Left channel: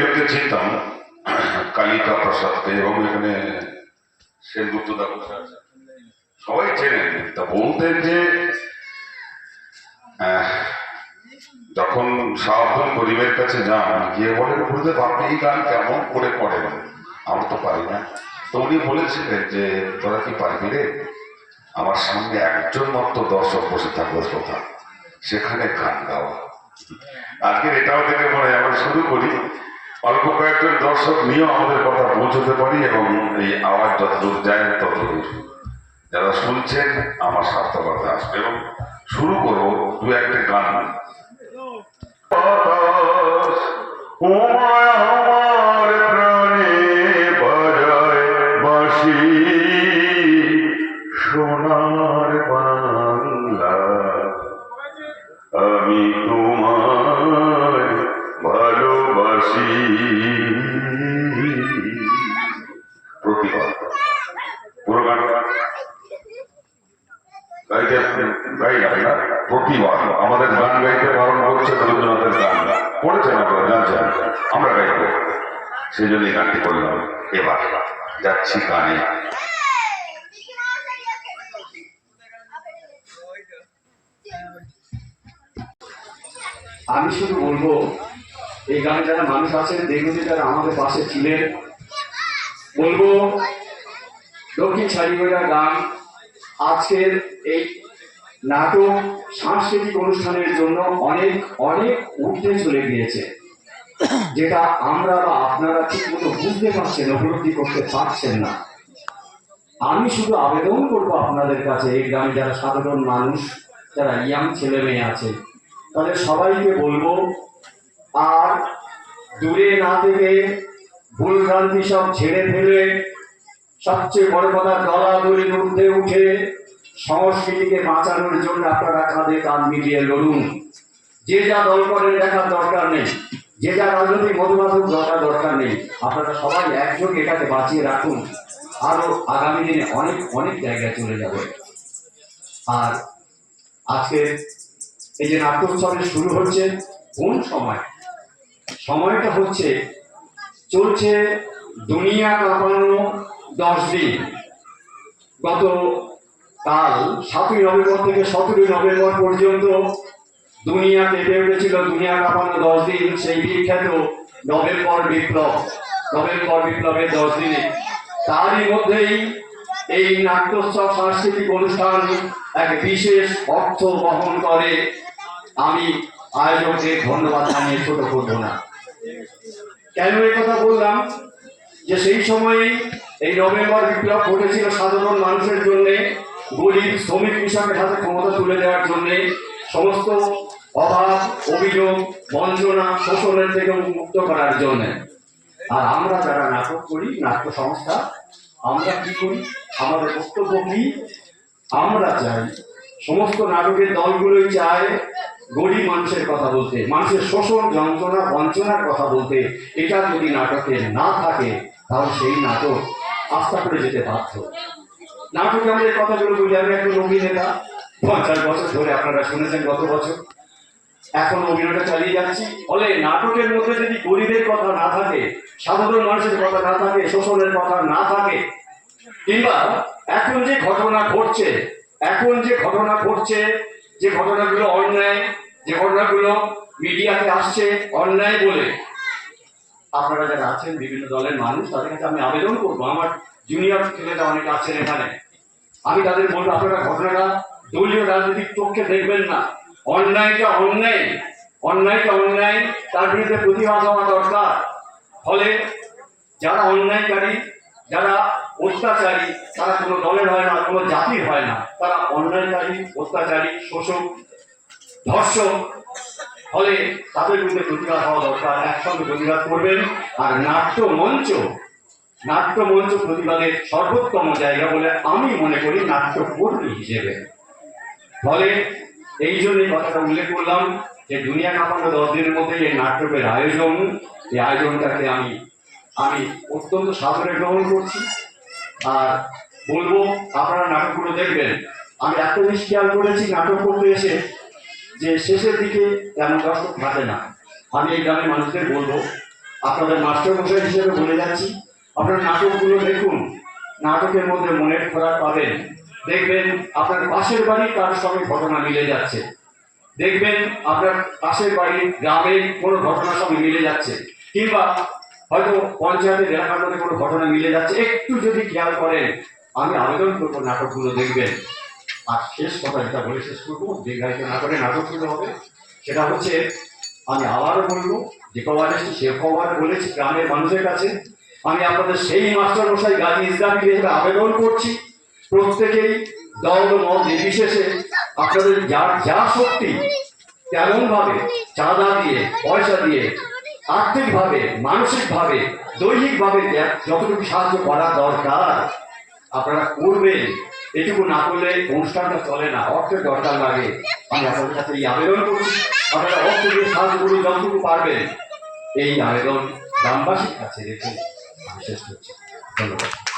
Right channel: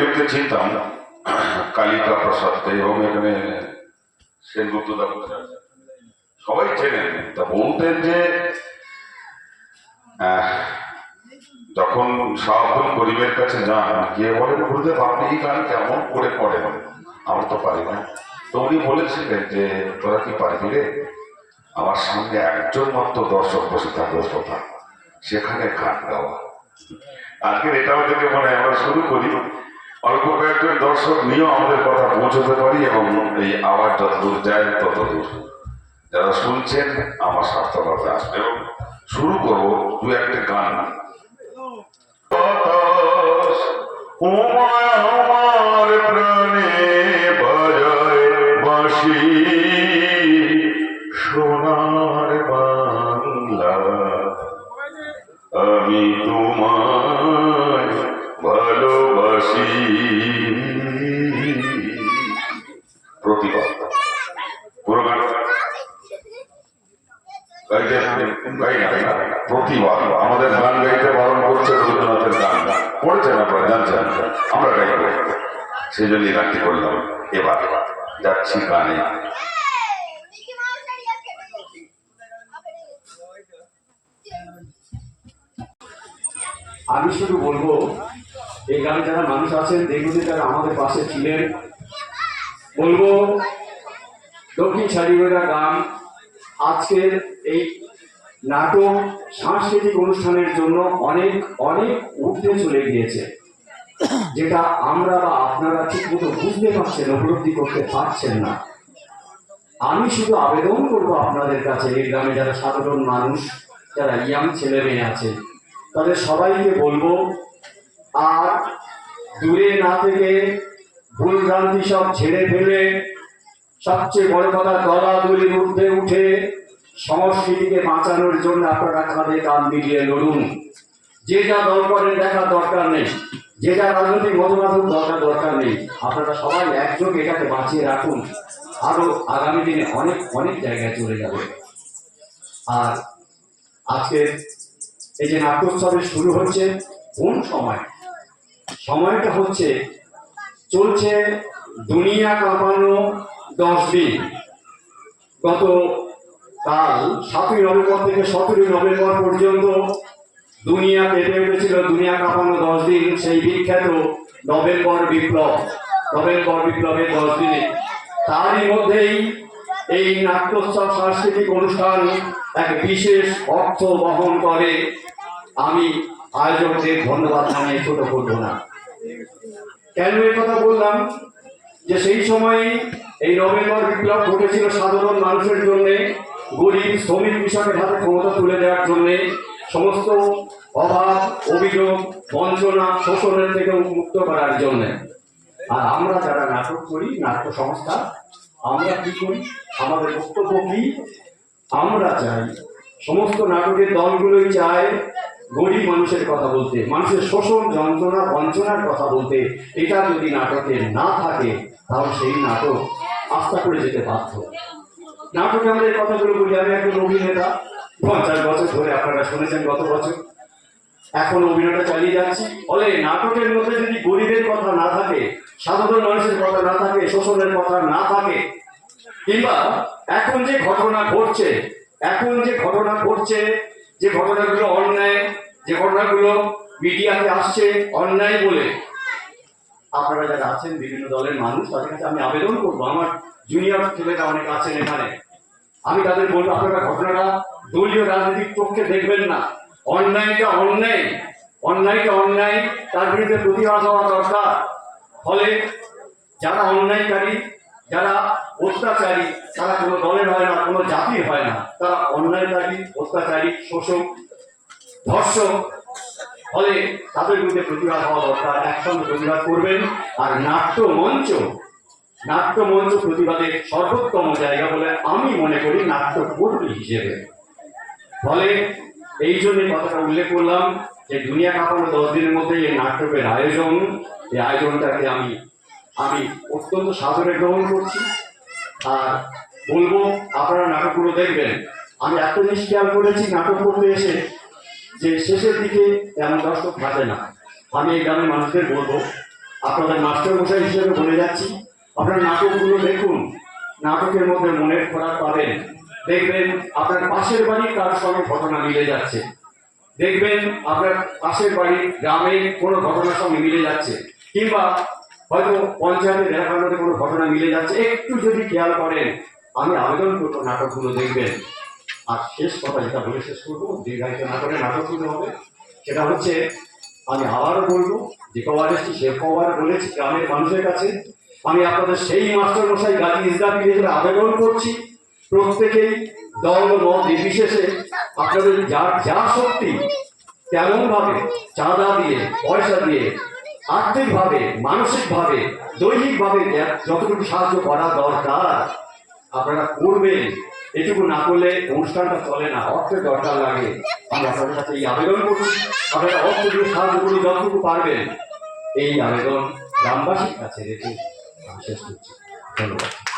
একজনকে চিনতাম কালিকা প্রসাদকে এবং এখানে সেনগুপ্ত বসে আছে। সবাই চেনেন, তা বলতেন যে যখন শাহাবুল গরিবের কাছে যান, গিয়ে বলেন, গুরুদেব, আপনি এই গান কেমন করে পড়েন আমরা তো পারি না। তো উনি বলেছিলেন যে, তোরা কি পারবি রে? আমার সামনে একজন মাত্র দর্শক বসে থাকবে শ্রোতা। সেখানে গান গাওয়া। আজকের এটাও থেকে মনে আমরা শুরু করি। অল্প কয়েকজন দর্শক নিয়েও আমাদের কথা পৌঁছতে পারি এবং এই আওয়াজ যতদূর যায় ততদূর যারা শুনছেন, আমার সার্থকতা আসবে। এবং শুরু করব দু একটা গান। ভালোবাসি আমাদের গান গাইতে বারণ করছে রবীন্দ্রনাথের গান। পড়েছেন আপনারা, জানছেন। আমরা গাইব। সেই জন্য গানটি করলাম। এবার যাচ্ছি গানে। আমি শুধু বলব এই গ্রামে যারা মানুষ আছেন দেখুন তারা আমাদের পাশে ছিলেন। বলব, দক্ষিণ সারিবেড়া গ্রাম আজকের এই নাটক, সাংস্কৃতিক অনুষ্ঠানের জন্য অনেক অনেক উঠতে চলে গিয়েছে। যেটা আমরা বা আপনারা ঠিক মতো বুঝতে পারছেন, উপলব্ধি করতে পারছেন না। আমি শুধু আবেদন করব আপনাদের কাছে, এই গ্রামে যারা সাধারণ মানুষ, যারা ইয়াং ছেলে মেয়ে আছে, তাদের সবাইকে বলব আর দূরে না থেকে ভুল ভ্রান্তি সব ছেড়ে ফেলে সবচেয়ে বড় কথা দলাদলির ঊর্ধ্বে উঠে সংস্কৃতিকে বাঁচানোর জন্য আপনারা কাঁধে কাঁধ মিলিয়ে লড়ুন। যে যা দল করেন দেখার দরকার নেই। যে যা রাজনৈতিক মতবাদক দরকার দরকার নেই। আপনারা সবাই একযোগে এটাকে বাঁচিয়ে রাখুন। আরও আগামী দিনে অনেক অনেক জায়গায় চলে যাবে। আর আজকের এই যে নাট্যোৎসবের শুরু হচ্ছে, কোন সময়? সময়টা হচ্ছে, চলছে দুনিয়া কাঁপানো দশ দিন। গত কাল সাতই নভেম্বর থেকে সতেরোই নভেম্বর পর্যন্ত দুনিয়া কেঁপে উঠেছিল, দুনিয়া কাঁপানো দশ দিন। সেই বিখ্যাত নভেম্বর বিপ্লব, নভেম্বর বিপ্লবের দশ দিনে। তারই মধ্যেই এই নাট্যোৎসব, সাংস্কৃতিক অনুষ্ঠান এক বিশেষ অর্থ বহন করে। আমি আয়োজককে ধন্যবাদ জানিয়ে ছোট করব না। কেন এই কথা বললাম? যে সেই সময়ে এই নভেম্বর বিপ্লব ঘটেছিল সাধারণ মানুষের জন্য, গরিব শ্রমিক কৃষকের হাতে ক্ষমতা তুলে দেওয়ার জন্য। সমস্ত অভাব, অভিযোগ, বঞ্চনা শোষণের থেকে মুক্ত করার জন্য। আর আমরা যারা নাটক করি, নাট্য সংস্থা, আমরা কি করি? আমাদের বক্তব্য কি? আমরা চাই সমস্ত নাটকের দলগুলোই চায় গরিব মানুষের কথা বলতে, মানুষের শোষণ, যন্ত্রণা, বঞ্চনার কথা বলতে, এটা যদি নাটকে না থাকে, তাহলে সেই নাটক আস্থা করে যেতে বাধ্য। নাটকে আমরা এই কথাগুলো বলি। আমি একজন অভিনেতা, পঞ্চাশ বছর ধরে আপনারা শুনেছেন গত বছর। এখন অভিনয়টা চালিয়ে যাচ্ছি। ফলে নাটকের মধ্যে যদি গরিবের কথা না থাকে, সাধারণ মানুষের কথা না থাকে, শোষণের কথা না থাকে, কিংবা এখন যে ঘটনা ঘটছে, এখন যে ঘটনা ঘটছে যে ঘটনাগুলো অন্যায়, যে ঘটনাগুলো মিডিয়াতে আসছে অন্যায় বলে। আপনারা যারা আছেন, বিভিন্ন দলের মানুষ, তাদের কাছে আমি আবেদন করব। আমার জুনিয়র ছেলেরা অনেক আছেন এখানে। আমি তাদের বলব, আপনারা ঘটনাটা দলীয় রাজনৈতিক পক্ষে দেখবেন না। অন্যায়টা অন্যায়। অন্যায়টা অন্যায়, তার বিরুদ্ধে প্রতিবাদ হওয়া দরকার। ফলে যারা অন্যায়কারী যারা অত্যাচারী, তারা কোনো দলের হয় না, কোনো জাতির হয় না। তারা অন্যায়কারী, অত্যাচারী, শোষক, ধর্ষক। ফলে তাদের বিরুদ্ধে প্রতিবাদ হওয়া দরকার। একসঙ্গে প্রতিবাদ করবেন। আর নাট্য মঞ্চ নাট্য মঞ্চ প্রতিবাদের সর্বোত্তম জায়গা বলে আমি মনে করি নাট্যকর্মী হিসেবে। ফলে এই জন্যই কথাটা উল্লেখ করলাম যে, দুনিয়া কাঁপানো দশ দিনের মধ্যে এই নাটকের আয়োজন, এই আয়োজনটাকে আমি আমি অত্যন্ত সাদরে গ্রহণ করছি। আর বলব, আপনারা নাটকগুলো দেখবেন। আমি এত জিনিস খেয়াল করেছি নাটক করতে এসে যে শেষের দিকে তেমন দর্শক থাকে না। আমি এই গ্রামের মানুষদের বলব, আপনাদের মাস্টার মশাই হিসেবে বলে যাচ্ছি, আপনার নাটকগুলো দেখুন। নাটকের মধ্যে মনের খোরাক পাবেন। দেখবেন আপনার পাশের বাড়ির কার সঙ্গে ঘটনা মিলে যাচ্ছে। দেখবেন আপনার পাশের বাড়ির গ্রামের কোনো ঘটনার সঙ্গে মিলে যাচ্ছে। কিংবা হয়তো পঞ্চায়েতের এলাকার মধ্যে কোনো ঘটনা মিলে যাচ্ছে। একটু যদি খেয়াল করেন, আমি আবেদন করব নাটকগুলো দেখবেন। আর শেষ কথা যেটা বলে শেষ করব গাড়িতে না করে নাটকগুলো হবে। সেটা হচ্ছে, আমি আবারও বলব, যে কবার এসেছি, সে কবার বলেছি, গ্রামের মানুষের কাছে, আমি আপনাদের সেই মাস্টার মশাই গাজী ইসলামী হিসেবে আবেদন করছি, প্রত্যেকেই দল মত নির্বিশেষে আপনাদের যার যা শক্তি তেমন ভাবে চাঁদা দিয়ে, পয়সা দিয়ে আর্থিকভাবে, মানসিকভাবে, দৈহিকভাবে যতটুকু সাহায্য করা দরকার, আপনারা করবেন। এটুকু না করলে অনুষ্ঠানটা চলে না, অর্থের দরকার লাগে। আমি আপনাদের কাছে এই আবেদন করছি। আপনারা অর্থ দিয়ে সাহায্য করুন, যতটুকু পারবেন। এই আবেদন গ্রামবাসীর কাছে রেখে আমি শেষ করছি। ধন্যবাদ।